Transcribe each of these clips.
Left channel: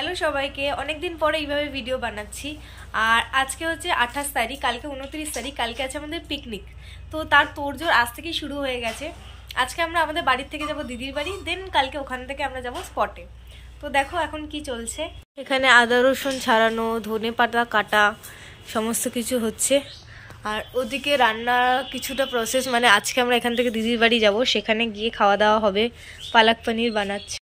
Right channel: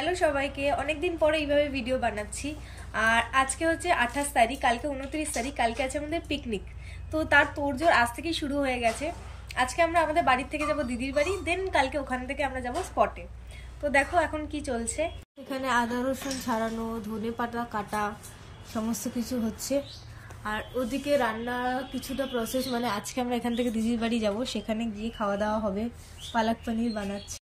Hello সবাইকে, অনেকদিন পরে এইভাবে ভিডিও বানাচ্ছি। আর আজকে হচ্ছে 28 তারিখ, কালকে 29 তারিখ, কালকে আছে আমাদের পিকনিক। তো তার তোড়জোড় আজ থেকেই শুরু হয়ে গেছে। আজকে আমরা আমাদের বাড়ির থেকে যাব দিদির বাড়ি, দেন কালকে ওখান থেকে আমরা যাব স্পটে। তো দেখো এখন কি চলছে এখানে, আদা রসুন ছাড়ানো, ধনে পাতা কাটা, সমস্ত কিছু হচ্ছে। আর ওদিকে রান্না কিছুটা প্রসেস, মানে আজকে আমরা এখান থেকে দিদির বাড়ি যাব, সেখানে গিয়ে খাওয়া দাওয়া হবে। পালক পনির বানাচ্ছে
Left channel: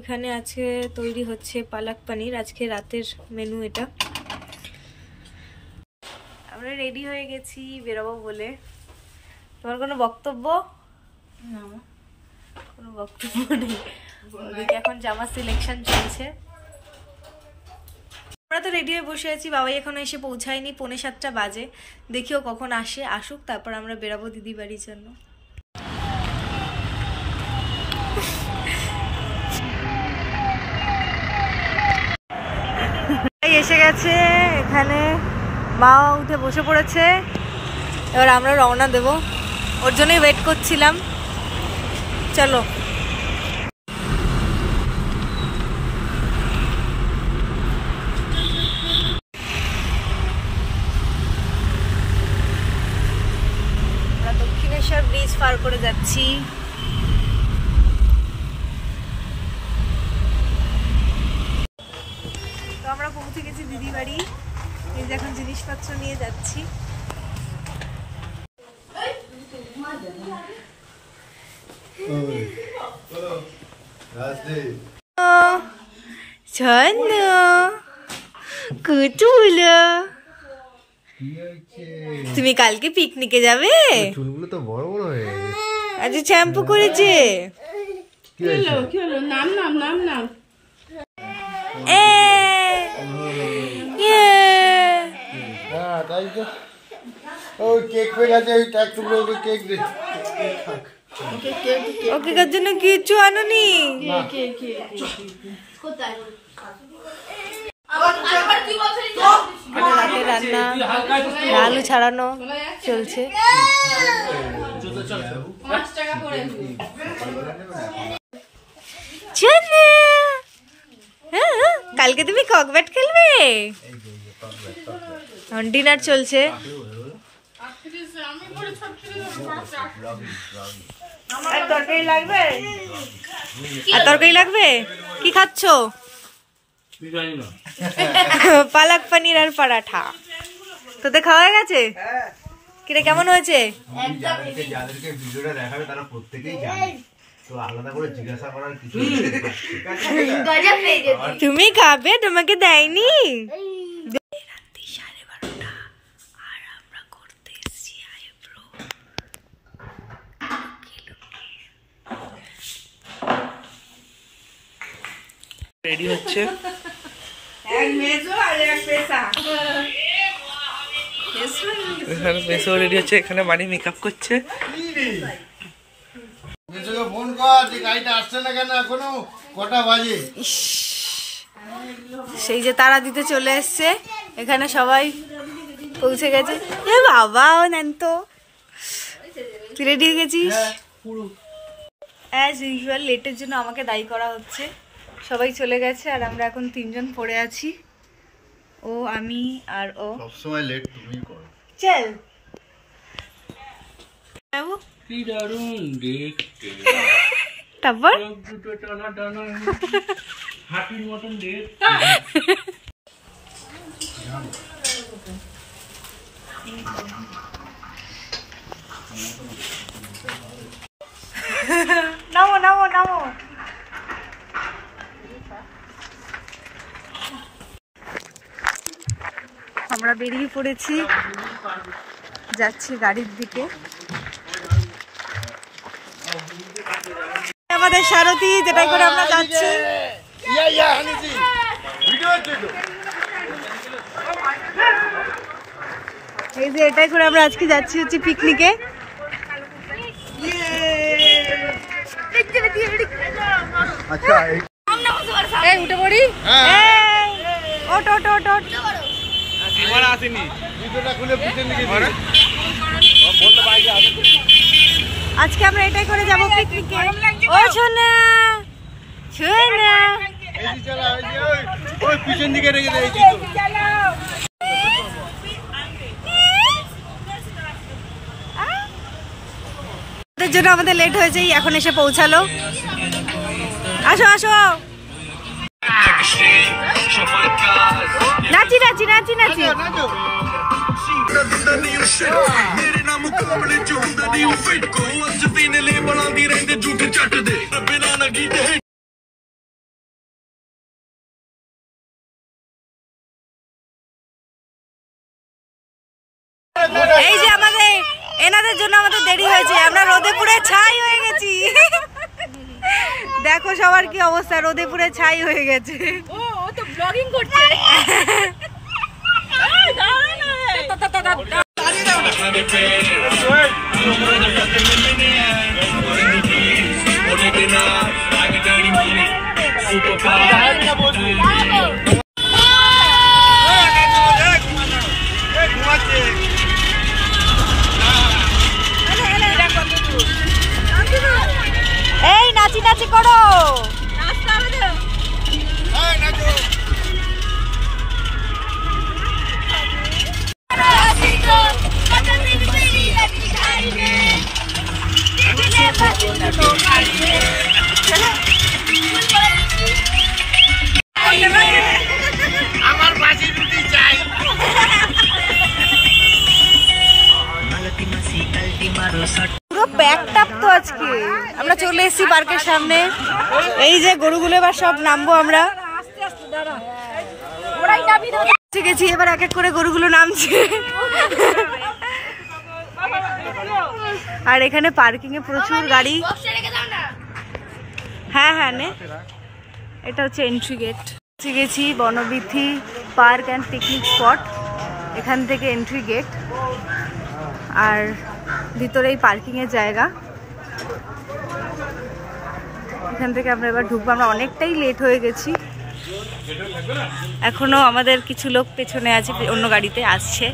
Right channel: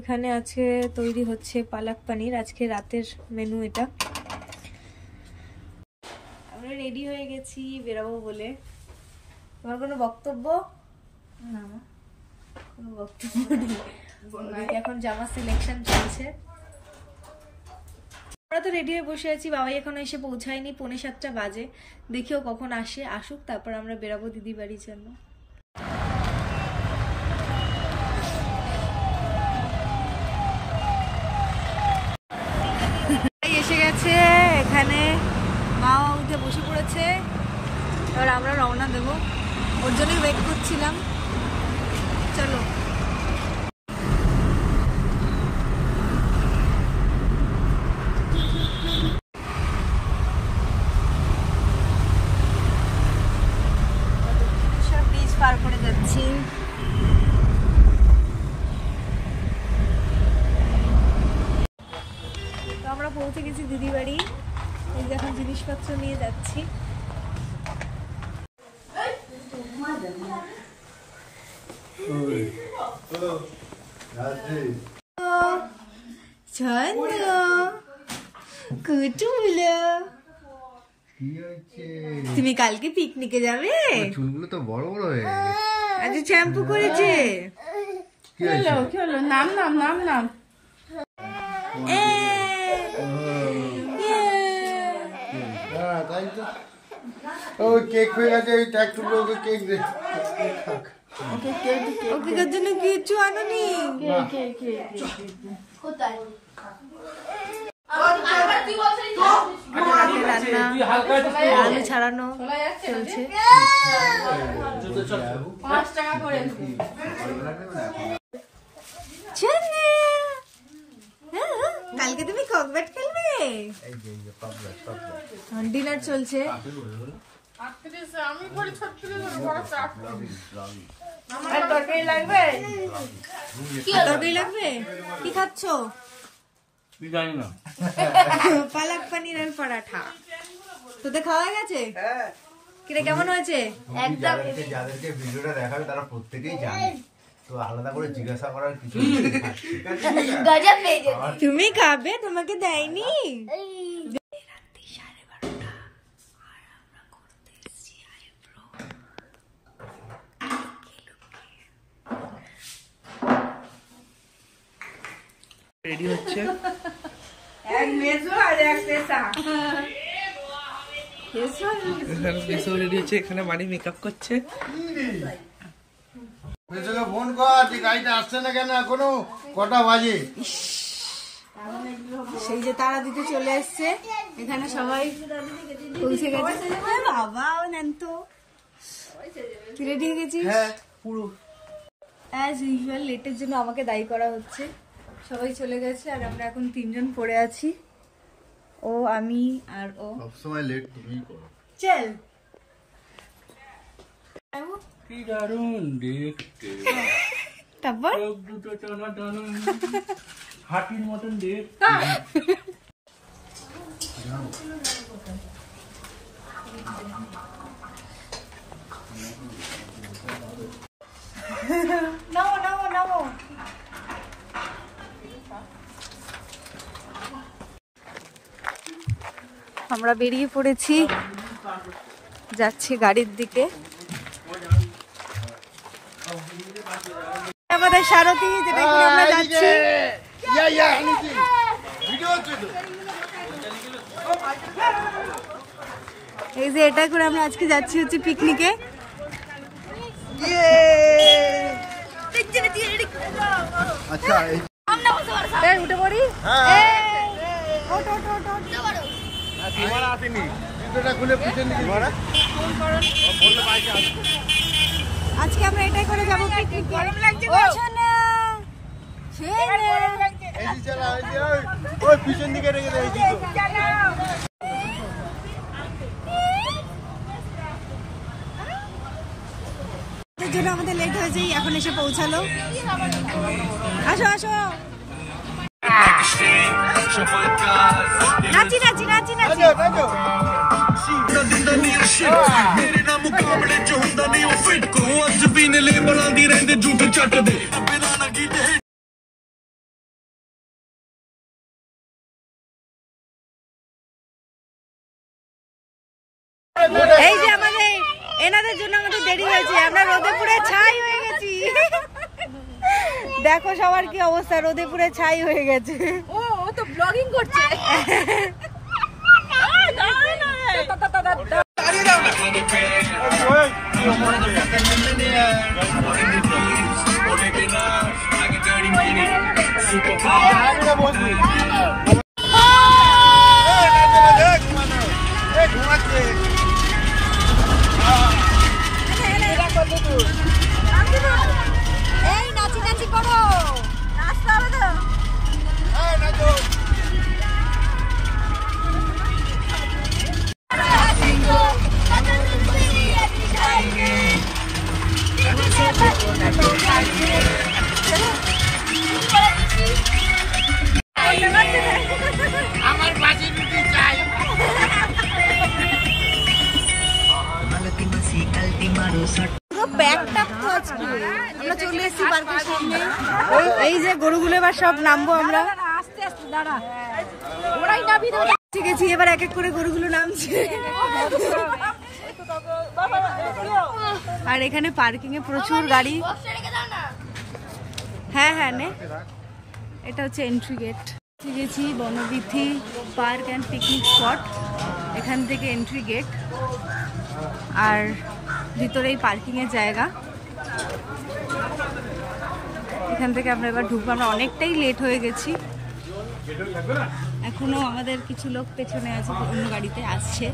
এখানে, আজকে তৈরি হচ্ছে পালক পনির, আজকে রাতের মেনু এটা। আমরা রেডি হয়ে গেছি বেরোবো বলে। তোমার কোনো বক্তব্য? না, কোনো বক্তব্য নেই। ওদিকে এখন জামা সিলেকশন চলছে। আমরা তো রেডি হয়ে বসে আছি, বাবাই এখনো এসে পৌঁছায়নি, 6:45 বাজে। দেখিও কখন আসুক, তারপর আমরা বেরাবো দিদি বাড়ির জন্য। এসে গেছে এখানে, মা উঠে বসে পড়েছে, এবার আমরা রওনা দেব, ওর জন্যই ওয়েট করছিলাম। চলো দক্ষিণেশ্বর ব্রিজ পার করে যাচ্ছি। তো আমরা পৌঁছে গেছি দিদি বাড়ি, এই যে এখন জিনিসপত্র নিয়ে যাচ্ছি। তুমি কালকে পিকনিকে যাবে? চুলগুলো তো বড় বড় হয়ে গেছে। আজ শ্যাম্পু করেছে। কি হলো? নাম ওকে কার জন্য কিছু আনোনি? আলু ছাড়ানো চলছে। কালকে তুমি ককব্যাট খেলবে? ডিনার চলছে। আর তরকারি লাগবে? কি খাচ্ছ? পালক পনির আর পরাঠা। তোদের খাওয়া গেছে? কিরে কেমন হয়েছে? একদম। যাদেরকে ভিডিওটা দেখাবে তারা প্রত্যেকেই জানে, তো আলাদা করে জিজ্ঞাসা করার কিছু নেই। তুমি খাবে, তোমাকে দেয়নি? রাত্রি 12:30 আর আমরা করতে এসেছি আইব্রো। রেডি হচ্ছে, এক মেজো আর এক পেশা। এখানে মেসো রেডি হচ্ছে, এখানে বাড়ি মেকআপ করছে। মেসোকে ফোন কর, যে গাড়িটা আসছে না কেন এখনো, কটা বাজে? সেই যে তারা দিতে চলে এসছে, এখানে সবাই পৌঁছে গেছে। এ বাবা, ও নেন তো, তুই রেডি হয়ে গেছিস? অ্যাজ ইউজুয়াল লেটের জন্য আমাকে দায়ী করা হচ্ছে। সবাই চলে গেছে আর আমরা এখন 3 জন পড়ে আছি, ও, আমি আর ও। সবসময় লেট তুমিই করো। চল কি দারুণ দেখতে, তারপর দুটো টানা টানা হাতির মতন দেখতে। নামো নামো নামো। আমরা বেরিয়ে পড়েছি, যাচ্ছি গাড়ির দিকে। আমাদের সারথি, যেটাই করে আমরা যাচ্ছি। এই যে এটাই করে আমরা আজকে যাচ্ছি হচ্ছে পিকনিকে। উঠে পড়ি। ওট ওট ওট ওট। আজকে আমরা এটাই করে যাব পিকনিকে। ও সোনা সোনা ওই পিছন দিকে রেখে দিয়েছি ওদের জন্য আমাদের লেট হয়েছে, এখন এসে পৌঁছালো। আসো আসো, নাচি নাচি নাচি নাচি। এই যে আমাদের এনাদের জন্য আমাদের দেরি হয়েছে, আমরা রোদে পুড়ে ছাই হয়ে গেছি। দেখো সবার কি অবস্থা, রোদে পুড়ে ছাই হয়ে গেছে। ও তো ব্লগিং করছে। এই নাচি নাচি করো। আমার বাজি রুটি চাই। পুরো প্যাকড আপ তো আজকে। আমরা চলে এসেছি পার্কের সামনে। এই যে গরুগুলো এবার সব নামবো আমরা। গেছি এবার এক এক করে গরুগুলো নামছে। আর এখানে পার্কিং এ প্রচুর গাড়ি। হ্যাঁ হ্যাঁ নে, এটা হচ্ছে এন্ট্রি গেট। গেছি Banabithi park and picnic spot, এখান থেকে এন্ট্রি গেট। আর ভিতরে এই পার্কিং এর জায়গা, এখান থেকে আমরা এবার ঢুকবো। আমরা অনেকটাই লেট হয়ে গেছি, এখনো আমাদের কিছু লোক পেছনে আছে, অন্য গাড়িতে আসছে।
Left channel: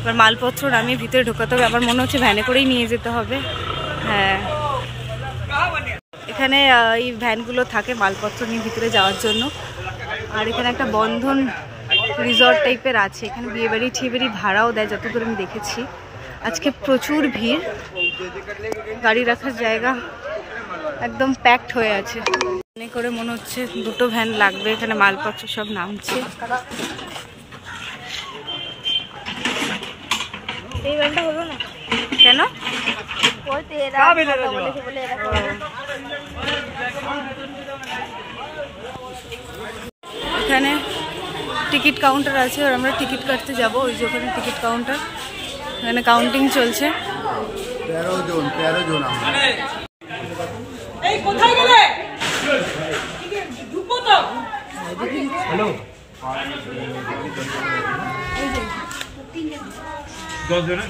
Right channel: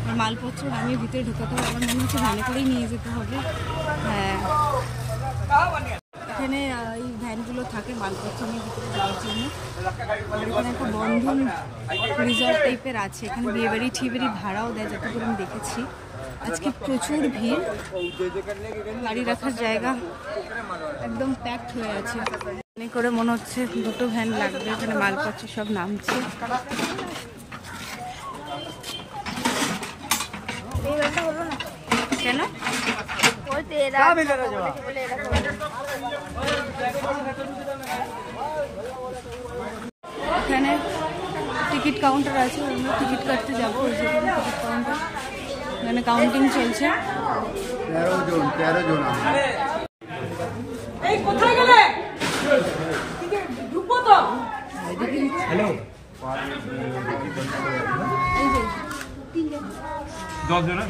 এবার মালপত্র নামিয়ে ভিতরে ঢোকাতে হবে। আমার মনে হচ্ছে ভ্যানে করেই নিয়ে যেতে হবে। হ্যাঁ, এখানে এই ভ্যানগুলো থাকে মালপত্র নিয়ে ভিতরে যাওয়ার জন্য। আর এখানে একটা বন্ধন রিসর্ট টাইপের আছে, এখানে বিয়েবাড়ি ঠিয়েবাড়ি ভাড়াও দেয় যতদূর আমি দেখেছি। আজকে প্রচুর ভিড়, গাড়ি রাখার জায়গা একদম প্যাকড হয়ে আছে। মনে করে মনে হচ্ছে দুটো ভ্যান লাগবে, এখানে মালপত্র সব নামছে। কেন এখানে টিকিট কাউন্টার আছে, আর আমরা টিকিট কাটতে যাব। ওই যে ওখানে টিকিট কাউন্টার, এখানে কাউন্টিং চলছে। 13 জন 13 জন। এই কোথায় গেলে? ঢুকবো তো। হ্যালো, 10 জন।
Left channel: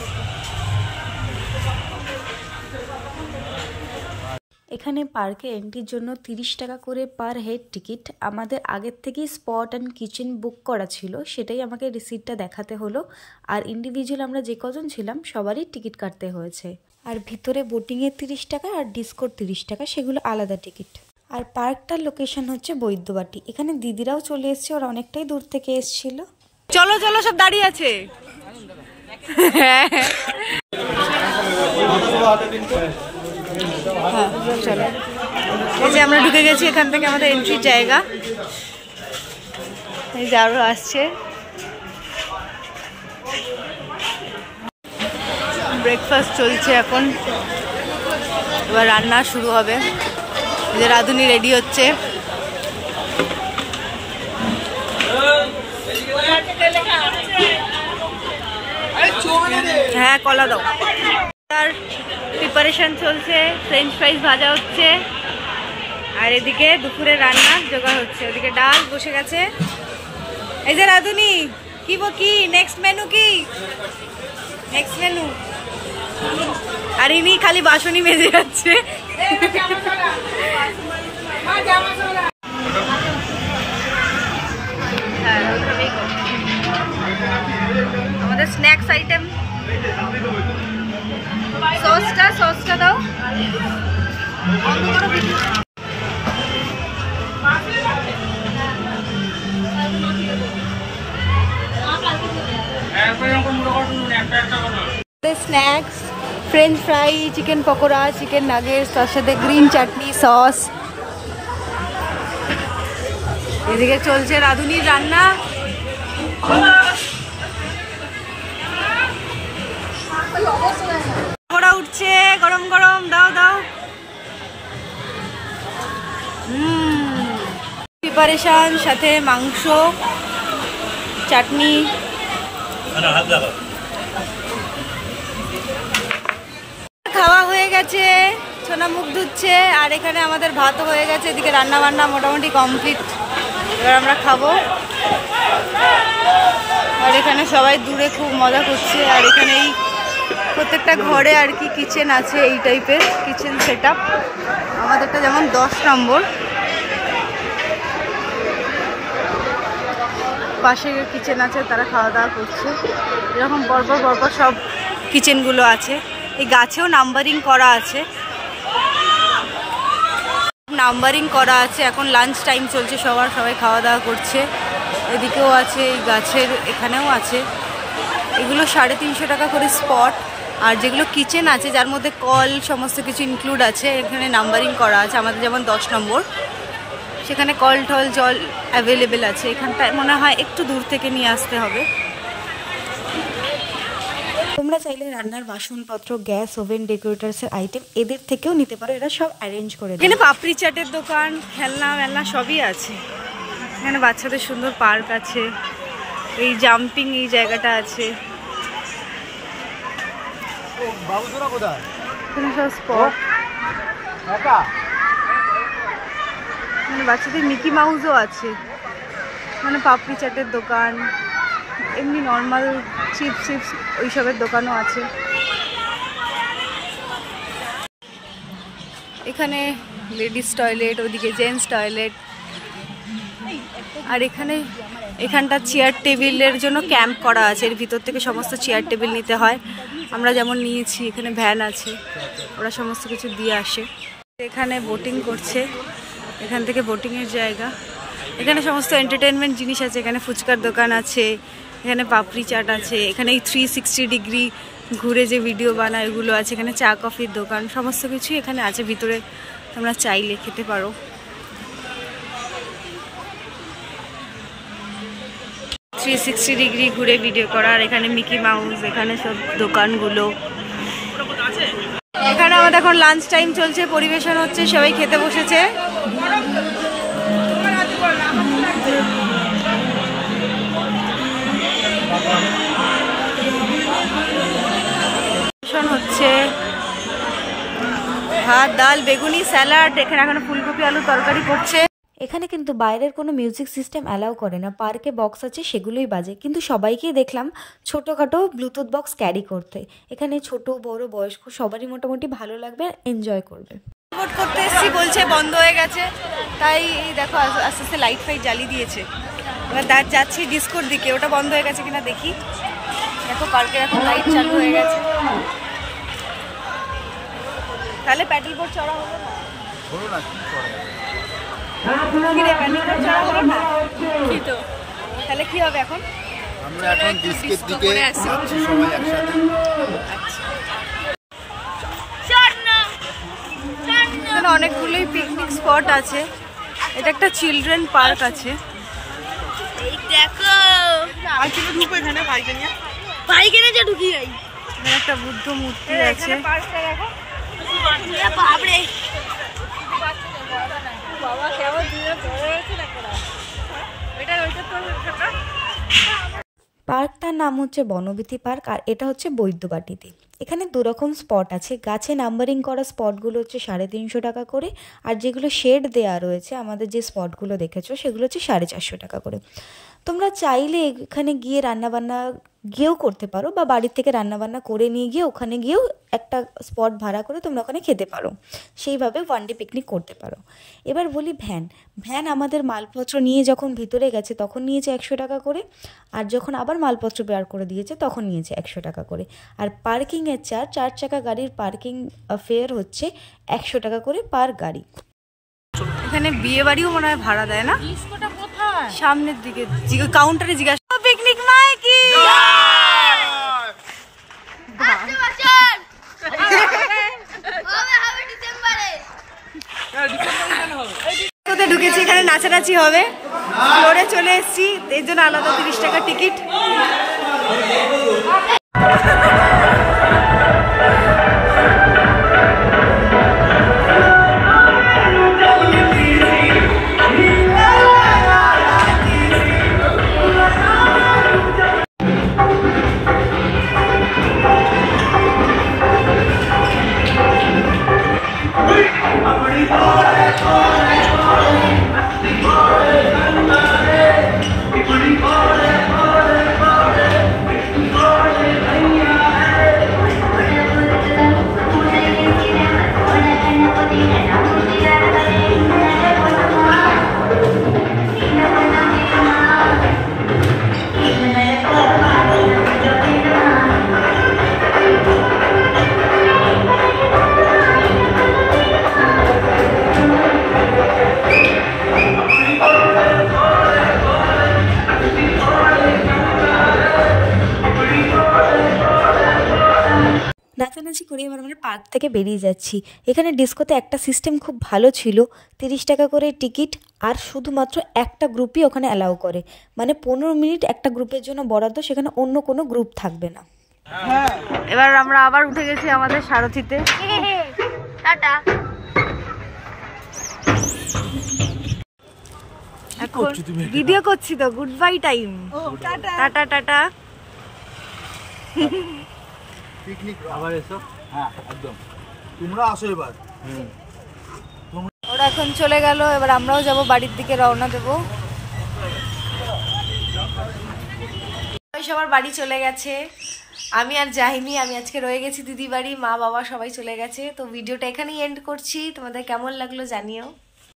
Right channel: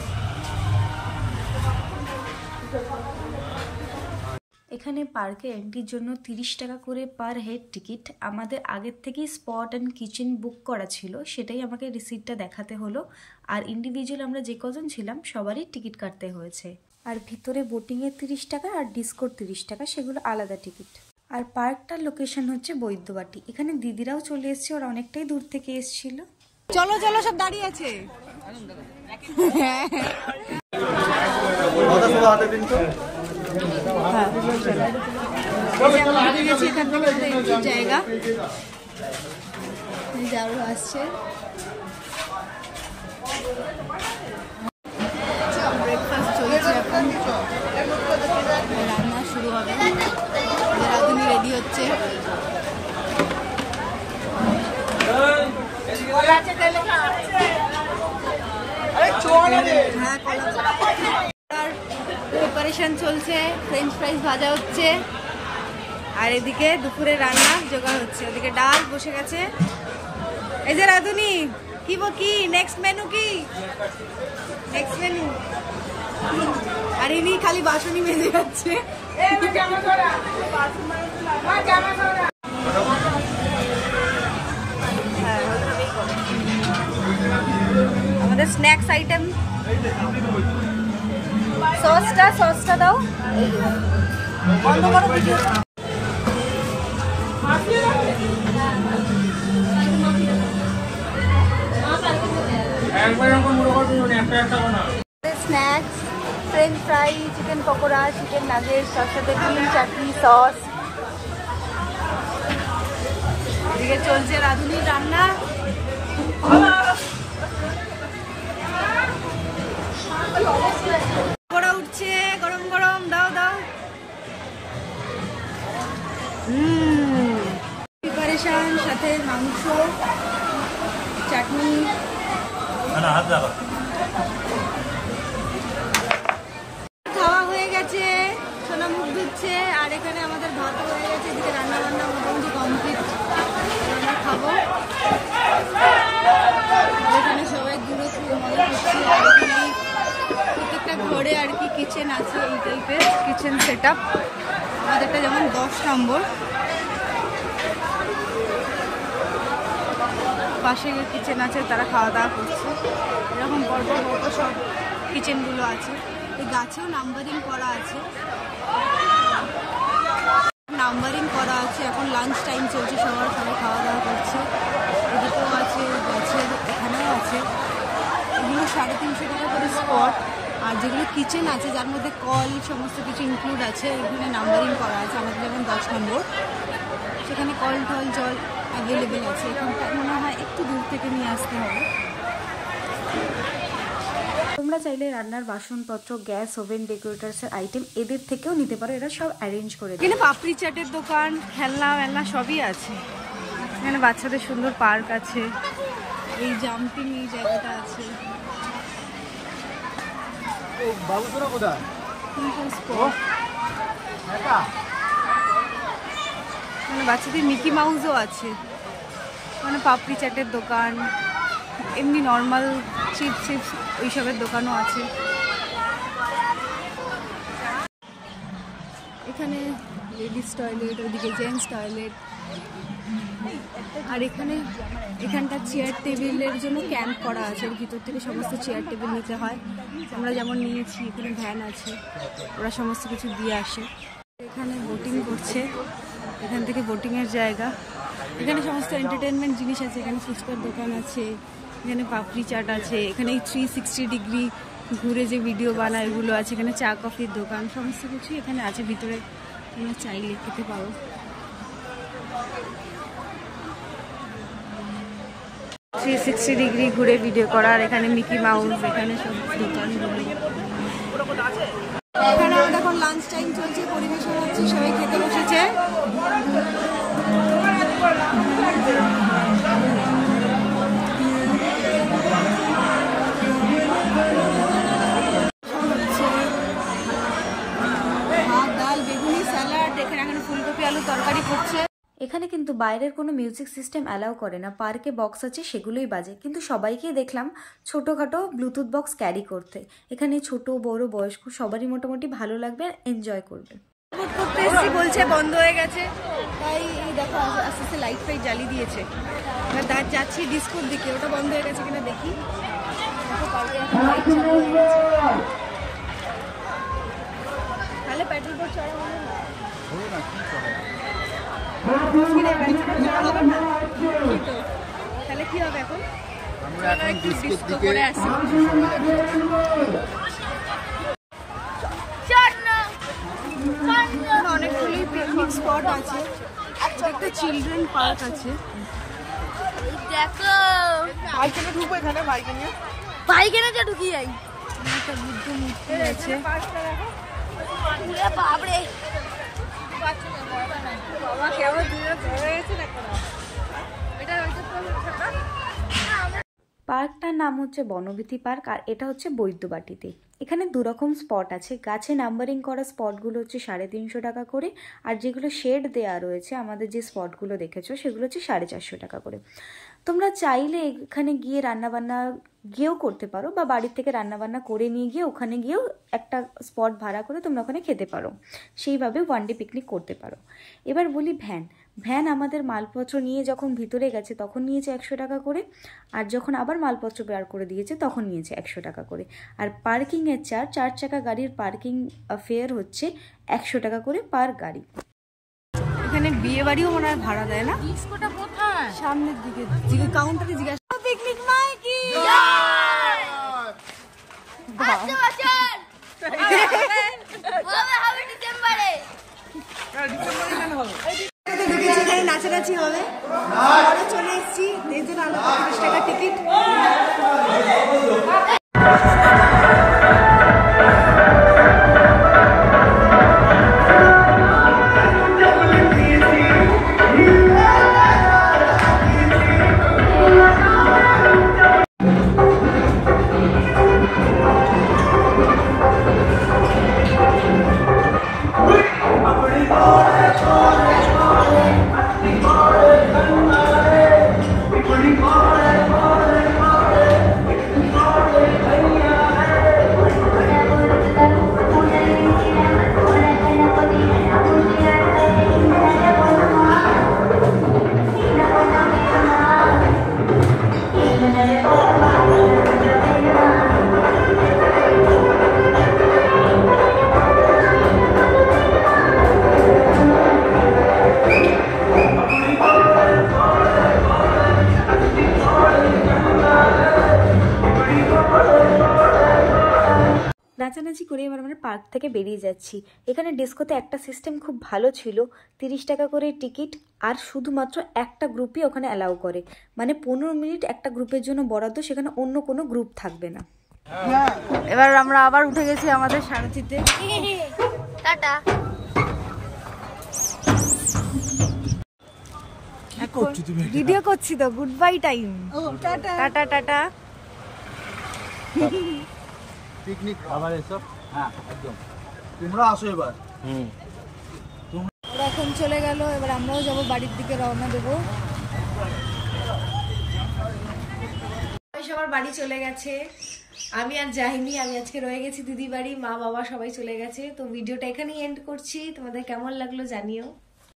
এখানে পার্কে এন্ট্রির জন্য 30 টাকা করে পার হেড টিকিট। আমাদের আগের থেকেই স্পট অ্যান্ড কিচেন বুক করা ছিল, সেটাই আমাকে রিসিপ্টটা দেখাতে হলো। আর ইন্ডিভিজুয়াল আমরা যে কজন ছিলাম সবারই টিকিট কাটতে হয়েছে। আর ভিতরে বোটিংয়ের 30 টাকা আর ডিস্কোর 30 টাকা, সেগুলো আলাদা টিকিট। আর পার্কটার লোকেশন হচ্ছে বৈদ্যবাটি। এখানে দিদিরাও চলে এসছে, ওরা অনেকটাই দূর থেকে এসেছিল। চলো চলো, সব দাঁড়িয়ে আছে। হ্যাঁ চলো, এই যে আমরা ঢুকে গেছি, এখান থেকে আমাদের এন্ট্রির জায়গা। এই যে আরো আসছে। ব্রেকফাস্ট চলছে এখন, এবার রান্না শুরু হবে। এই যে রাঁধুনি রেডি হচ্ছে। হ্যাঁ কলা দাও। আর প্রিপারেশন চলছে, ফ্রেঞ্চ ফ্রাইজ ভাজা হচ্ছে। আর এদিকে দুপুরে রান্নার জোগাড় হচ্ছে। ওদিকে ডাল বসে গেছে। এই যে রাঁধুনি, কি নেক্সট মেনু কি? Next menu. আর ইনি খালি বাসনই মেজে যাচ্ছে। আমাদের স্ন্যাক্স আইটেম, সসটা দাও। একবার যখন মনে করো একটা কথা snacks, French fry, chicken pakora, chicken nuggets, তার সাথে গ্রিন চাটনি সস। এদিকে চলছে রাঁধুনির রান্না। পকোড়া উঠছে গরম গরম, দাও দাও। প্রিপারেশন, সাথে মাংস, চাটনি। খাওয়া হয়ে গেছে, সোনা মুখ ধুচ্ছে, আর এখানে আমাদের ভাতও হয়ে গেছে। এদিকে রান্না বান্না মোটামুটি কমপ্লিট। এবার আমরা খাবো। আর এখানে সবাই দূরে খুব মজা করছে। আর এখানে এই প্রত্যেকটা ঘরে আর কি কিচেন আছে, এই টাইপের কিচেন সেট আপ। আমাদেরটা যেমন 10 নম্বর, পাশে কিচেন আছে, তারা খাওয়া দাওয়া করছে। এরকম পরপর পরপর সব কিচেনগুলো আছে। এই গাছেও নাম্বারিং করা আছে, নাম্বারিং করা আছে। এখন লাঞ্চ টাইম চলছে, সবাই খাওয়া দাওয়া করছে। এদিকেও আছে, এই গাছের এখানেও আছে। এগুলো 350 টাকা করে স্পট। আর যেগুলো কিচেন আছে, যার মধ্যে কল সমস্ত কিছু ইনক্লুড আছে, এখানে নাম্বারিং করা আছে। আমাদের যেমন 10 নম্বর, সেখানে কল টল জল অ্যাভেলেবেল আছে। এখানটায় মনে হয় একটু দূর থেকে নিয়ে আসতে হবে। তোমরা চাইলে রান্নার বাসনপত্র, গ্যাস, ওভেন, ডেকোরেটার্সের আইটেম এদের থেকেও নিতে পারো। এরা সব অ্যারেঞ্জ করে দেয়। এখানে পাপড়ি চাটের দোকান, খেলনা মেলনা সবই আছে। এখানে বাচ্চাদের সুন্দর পার্ক আছে, এই জাম্পিং এই জায়গাটা আছে। এখানে সব স্পট। এখানে বাচ্চাদের মিকি মাউসও আছে। মানে পাপড়ি চাটের দোকান, এমনি নর্মাল চিপস ওইসবের দোকানও আছে। এখানে লেডিস টয়লেট, ওদিকে জেন্টস টয়লেট। আর এখানটা চেয়ার টেবিলের জন্য ক্যাম্প করা আছে। এর ভিতর থেকে সমস্ত চেয়ার টেবিল নিতে হয়। আমরা যেমন নিয়েছি। এখানে ভ্যান আছে, ওরা সমস্ত কিছু দিয়ে আসে। এখানে বোটিং করছে, এখান থেকে বোটিংয়ের জায়গা। এখানে সমস্ত এন্টারটেনমেন্ট জিনিস আছে। এখানে ফুচকার দোকান আছে, এখানে পাপড়ি চাট আছে, এখানে এই 360 ডিগ্রি ঘুরে যে ভিডিও বানায় এগুলো আছে। এখানে চা কফির দোকান, সমস্ত কিছুই এখানে আছে। ভিতরে তোমরা চাইলে খেতে পারো। 360 ডিগ্রি ঘুরে ভিডিও করা। আর এখানে মিকি মাউস, এখানে সব দোকানগুলো। এখানে আমাদের এখন লাঞ্চ টাইম চলছে, পরিবেশন হচ্ছে, সবাই খেতে বসেছে। হচ্ছে ভাত, ডাল, বেগুনি, স্যালাড। এখানে এখন ফুলকপি আলু তরকারি করছে। এখানে কিন্তু বাইরের কোনো মিউজিক সিস্টেম অ্যালাউ করে না। পার্কে বক্স আছে, সেগুলোই বাজে। কিন্তু সবাইকেই দেখলাম ছোটোখাটো ব্লুটুথ বক্স ক্যারি করতে। এখানে ছোট বড় বয়স্ক সবারই মোটামুটি ভালো লাগবে, এনজয় করবে। ভোট করতে এসেছি, বলছে বন্ধ হয়ে গেছে। তাই দেখো আস্তে আস্তে লাইট ফাইট জ্বালিয়ে দিয়েছে। এবার যাচ্ছি ডিস্কোর দিকে, ওটা বন্ধ হয়ে গেছে কিনা দেখি। দেখো পার্কের এখন লাইট চালু হয়ে গেছে। তাহলে প্যাডেল বোর্ড চড়া হলো না? হলো না, কি করে কি তো তাহলে কি হবে এখন? আমরা এখন ডিস্কের দিকে যাচ্ছি সবাই একসাথে। এখানে অনেকগুলোই পিকনিক স্পট আছে। এটা একটা চিলড্রেন পার্ক আছে। এখানে একটা বুদ্ধ মূর্তি আছে। পার্কটার নাম হচ্ছে বনবীথি পার্ক, আর এটা হচ্ছে বৈদ্যবাটিতে। এখানে দুরকম স্পট আছে। গাছে নাম্বারিং করা স্পটগুলো হচ্ছে 350 টাকা করে, আর যেগুলো শেড দেওয়া রয়েছে, আমাদের যে স্পটগুলো দেখেছো সেগুলো হচ্ছে 450 টাকা করে। তোমরা চাইলে এখানে গিয়ে রান্নাবান্না গিয়েও করতে পারো, বা বাড়ির থেকে রান্নাবান্না করে নিয়ে গিয়ে ওখানে গিয়েও একটা স্পট ভাড়া করে তোমরা ওখানে খেতে পারো। সেইভাবে ওয়ান ডে পিকনিক করতে পারো। এবার বলি ভ্যান আমাদের মালপত্র নিয়ে যখন ভিতরে গেছে তখন নিয়েছে 100 টাকা করে, আর যখন আবার মালপত্র বের করে দিয়েছে তখন নিয়েছে 100 টাকা করে। আর পার্কিংয়ের চার্জ, 4 চাকা গাড়ির পার্কিং ফেয়ার হচ্ছে 100 টাকা করে পার গাড়ি। এখানে বিয়ে বাড়িও মনে হয় ভাড়া দেয় না? সামনের দিকে কাউন্টারে জিজ্ঞাসা। পিকনিক মাইকি ঢুকেছি, এখানে নাচানাচি হবে, ফ্লোরে চলে এসেছি, এর জন্য আলাদা 30 টাকা টিকিট। নাচানাচি করে এবার আমরা পার্ক থেকে বেরিয়ে যাচ্ছি। এখানে ডিস্কোতে একটা সিস্টেম খুব ভালো ছিল, 30 টাকা করে টিকিট, আর শুধুমাত্র একটা গ্রুপই ওখানে অ্যালাউ করে, মানে 15 মিনিট একটা গ্রুপের জন্য বরাদ্দ, সেখানে অন্য কোনো গ্রুপ থাকবে না। এবার আমরা আবার উঠে গেছি আমাদের সারথিতে। টাটা। ভিডিও করছি তো, good bye time. Tata tata. Picnic আবার এসো। হ্যাঁ একদম, তোমরা আসো এবার। ওরা এখন চলে গেল, এবার আমরাও যাব বাড়ির দিকে, রওনা দেবো। সবার বাড়ি চলে গেছে, আমি আর যাইনি, আমি আজকে রয়ে গেছি দিদি বাড়ি, মা বাবা সবাই চলে গেছে। তো ভিডিওটা এখানেই এন্ড করছি, তোমাদের কেমন লাগলো জানিও।